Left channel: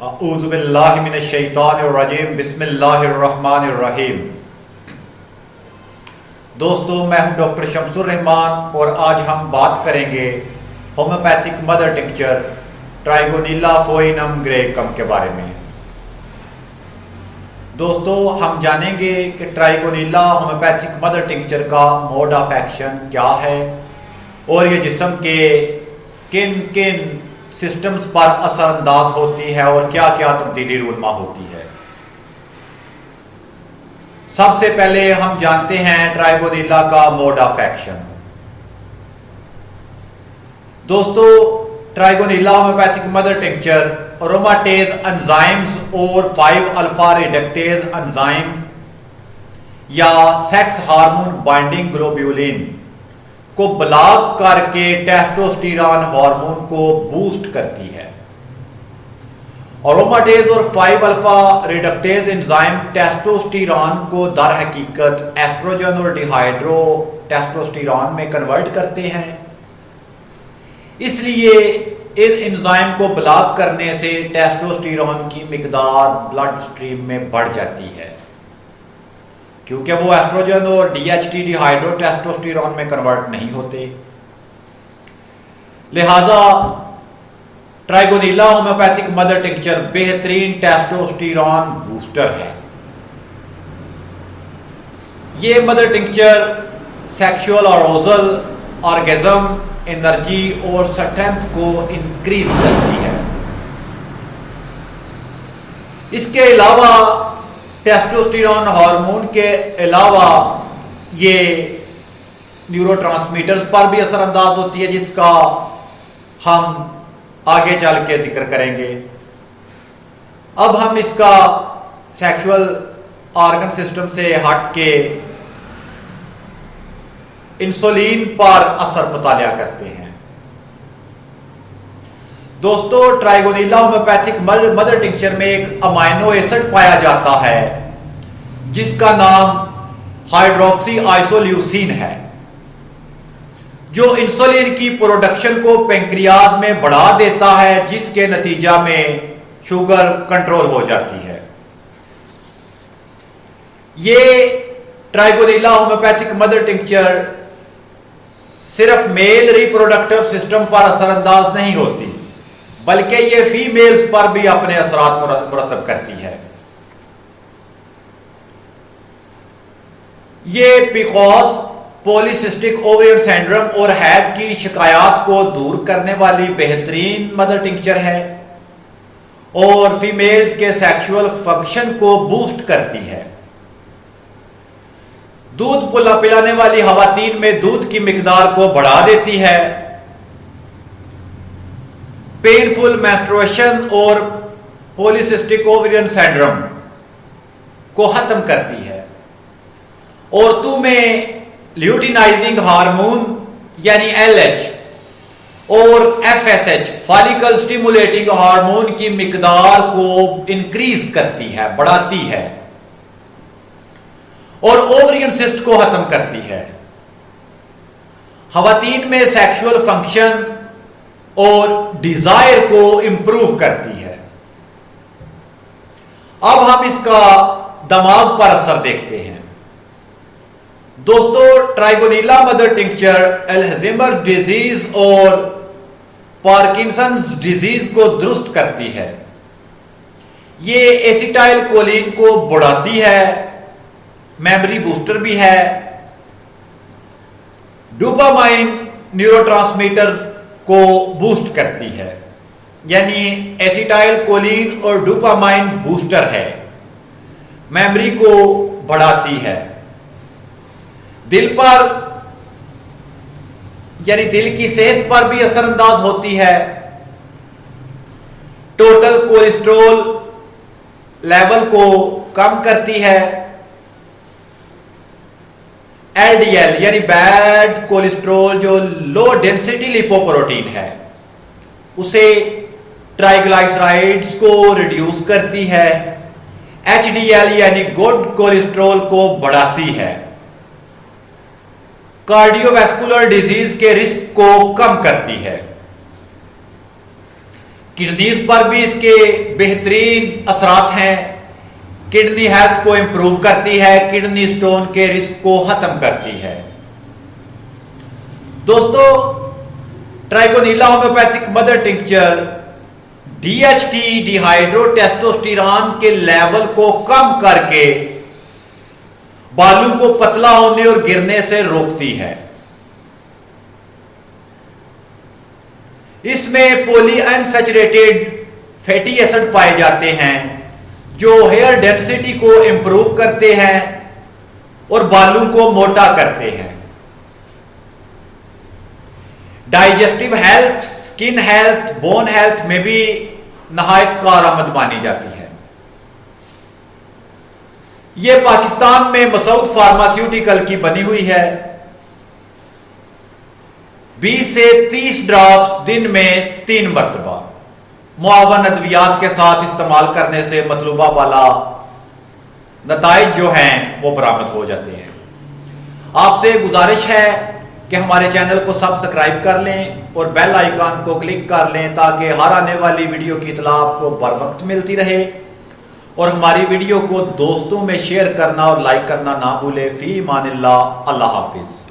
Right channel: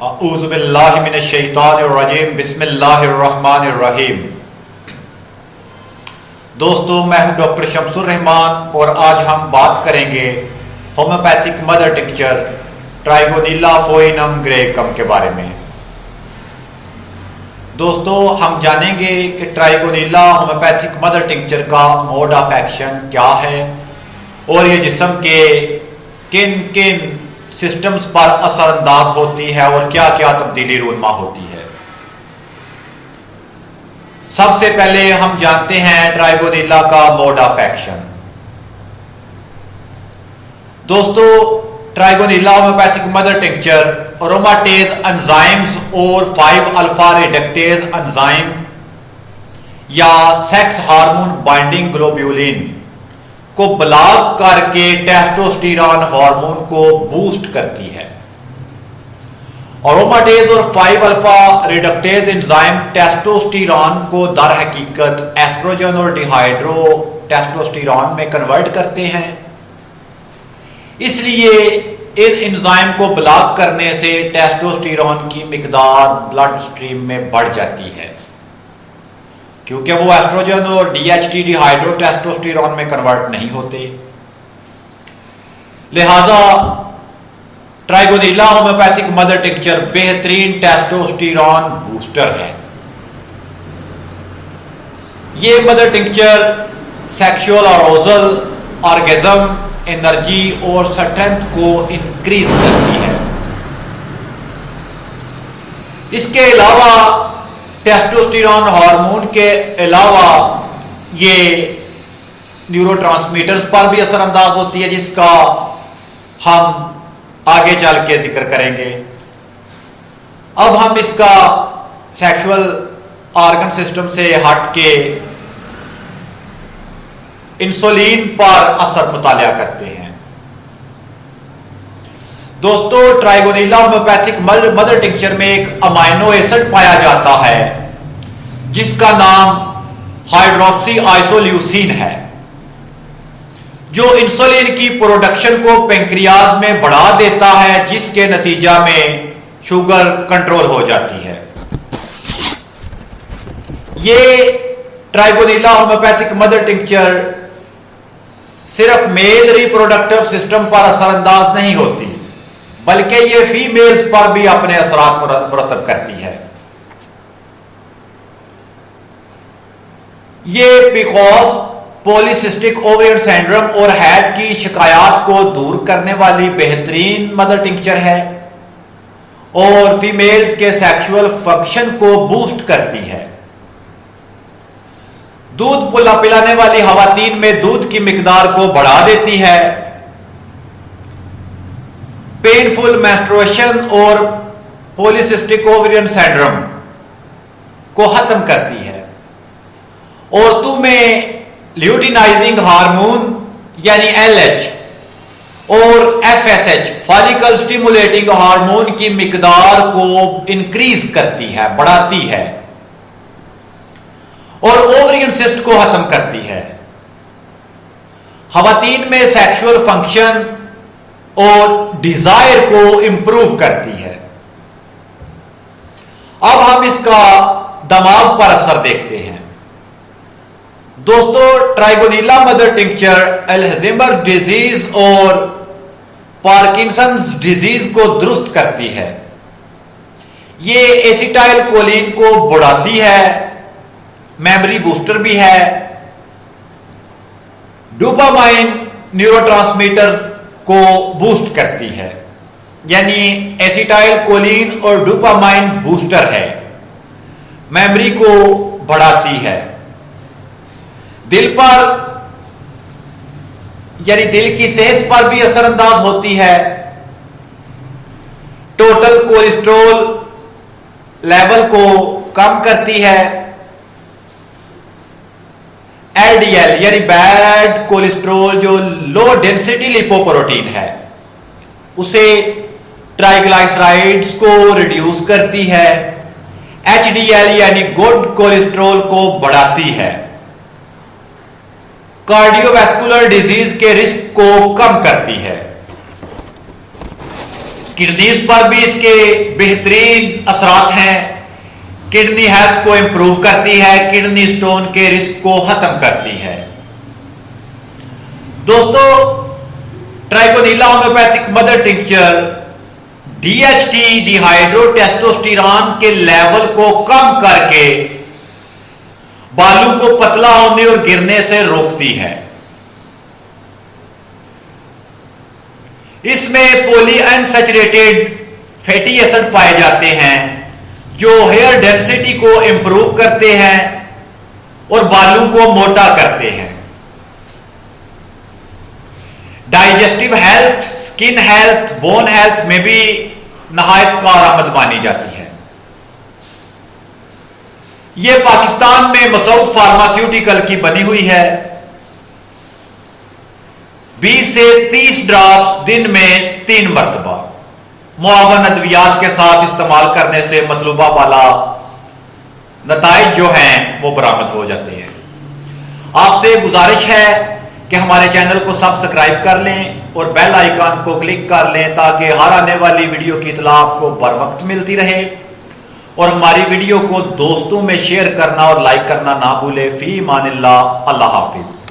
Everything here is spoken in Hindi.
औज़ुबिल्लाहिमिनश्शैतानिर्रजीम बिस्मिल्लाहिर्रहमानिर्रहीम। दोस्तों, मैं हूं डॉक्टर शमसुर रहमान और आज हम बात करेंगे होम्योपैथिक मदर टिंक्चर ट्राइगोनिला फोइनम ग्रेकम के बारे में। दोस्तों, हम जानेंगे कि ट्राइगोनिला होम्योपैथिक मदर टिंक्चर का मोड ऑफ एक्शन क्या है और ये जिस्म के किन किन सिस्टम्स पर असरअंदाज होती है और क्या क्या तब्दीली रूनमा होती है। सबसे पहले हम जानते हैं ट्राइगोनिला का मोड ऑफ एक्शन। दोस्तों, ट्राइगोनिला होम्योपैथिक मदर टिंक्चर अरोमाटेज एंजाइम्स और 5 अल्फा रिडक्टेज एंजाइम या सेक्स हार्मोन बाइंडिंग ग्लोब्यूलिन को ब्लॉक करके टेस्टोस्टेरोन हार्मोन को बूस्ट करती है। अरोमाटेज और 5 अल्फा रिडक्टेज एंजाइम टेस्टोस्टेरोन को दर हकीकत एस्ट्रोजन और डिहाइड्रो टेस्टोस्टेरोन में कन्वर्ट करते हैं। इसलिए इन एंजाइम को ब्लॉक करने से टेस्टोस्टेरोन की मिकदार ब्लड स्ट्रीम में बढ़ जाती है, क्योंकि वो एस्ट्रोजन और DHT डिहाइड्रो टेस्टोस्टेरोन में कन्वर्ट नहीं होते। लिहाजा ट्राइगोनिला होम्योपैथिक मदर टिंक्चर बेहतरीन टेस्टोस्टेरोन बूस्टर है। ये mother tincture sexual arousal, orgasm, energy और स्ट्रेंथ को इंक्रीज करती है। इसके अलावा टेस्टोस्टेरोन हार्मोन के अलावा ये न्यूरोट्रांसमीटर्स पर भी असरअंदाज होती है, जिसका हम आगे चल के जिक्र करेंगे। अब हम इसका सेक्सुअल ऑर्गन सिस्टम से हट के इंसुलिन पर असर मुतालिया करते हैं। दोस्तों, ट्राइगोनिला होम्योपैथिक मदर टिंक्चर में एक अमाइनो एसिड पाया जाता है जिसका नाम हाइड्रोक्सी आइसोल्यूसिन है, जो इंसुलिन की प्रोडक्शन को पेंक्रियाज में बढ़ा देता है, जिसके नतीजा में शुगर कंट्रोल हो जाती है। ये ट्राइगोनिला होम्योपैथिक मदर टिंक्चर सिर्फ मेल रिप्रोडक्टिव सिस्टम पर असरअंदाज नहीं होती, बल्कि ये फीमेल्स पर भी अपने असरात मुरतब करती है। ये पीसीओएस, पॉलीसिस्टिक ओवरियन सिंड्रोम और हैज की शिकायत को दूर करने वाली बेहतरीन मदर टिंक्चर है और फीमेल्स के सेक्सुअल फंक्शन को बूस्ट करती है। दूध पिलाने वाली खवातीन में दूध की मिकदार को बढ़ा देती है। पेनफुल मेंस्ट्रुएशन और पॉलीसिस्टिक ओवरियन सिंड्रोम को खत्म करती है। औरतों में ल्यूटिनाइजिंग हार्मोन यानी LH और FSH फॉलिकल स्टिमुलेटिंग हार्मोन की मिकदार को इंक्रीज करती है, बढ़ाती है और ओवरियन सिस्ट को खत्म करती है। खवातीन में सेक्सुअल फंक्शन और डिजायर को इंप्रूव करती है। अब हम इसका दिमाग पर असर देखते हैं। दोस्तों, ट्राइगोनिला मदर टिंक्चर अल्जाइमर डिजीज और पार्किंसंस डिजीज को दुरुस्त करती है। ये एसिटाइल कोलिन को बढ़ाती है, मेमोरी बूस्टर भी है। डोपामाइन न्यूरोट्रांसमीटर को बूस्ट करती है, यानी एसिटाइल कोलिन और डोपामाइन बूस्टर है, मेमोरी को बढ़ाती है। दिल पर यानी दिल की सेहत पर भी असरअंदाज होती है। टोटल कोलेस्ट्रॉल लेवल को कम करती है। LDL यानी बैड कोलेस्ट्रॉल, जो लो डेंसिटी लिपोप्रोटीन है, उसे ट्राइग्लिसराइड्स को रिड्यूस करती है। HDL यानी गुड कोलेस्ट्रॉल को बढ़ाती है। कार्डियोवैस्कुलर डिजीज के रिस्क को कम करती है। किडनीज पर भी इसके बेहतरीन असरात हैं। किडनी हेल्थ को इंप्रूव करती है, किडनी स्टोन के रिस्क को खत्म करती है। दोस्तों, ट्राइगोनिला होम्योपैथिक मदर टिंक्चर DHT डिहाइड्रोटेस्टोस्टेरॉन के लेवल को कम करके बालों को पतला होने और गिरने से रोकती है। इसमें पॉली अनसैचुरेटेड फैटी एसिड पाए जाते हैं जो हेयर डेंसिटी को इंप्रूव करते हैं और बालों को मोटा करते हैं। Digestive health, skin health, bone health में भी नहायत कारआमद मानी जाती है। यह पाकिस्तान में मसूद फार्मास्यूटिकल की बनी हुई है। 20 से 30 ड्रॉप्स दिन में 3 मरतबा मुआवन अद्वियात के साथ इस्तेमाल करने से मतलूबा वाला नताइज जो हैं वो बरामद हो जाते हैं। आपसे गुजारिश है कि हमारे चैनल को सब्सक्राइब कर लें और बेल आइकन को क्लिक कर लें ताकि हर आने वाली वीडियो की इत्तला आपको बर वक्त मिलती रहे। और हमारी वीडियो को दोस्तों में शेयर करना और लाइक करना ना भूलें। फी मानिल्लाह, अल्लाह हाफिज।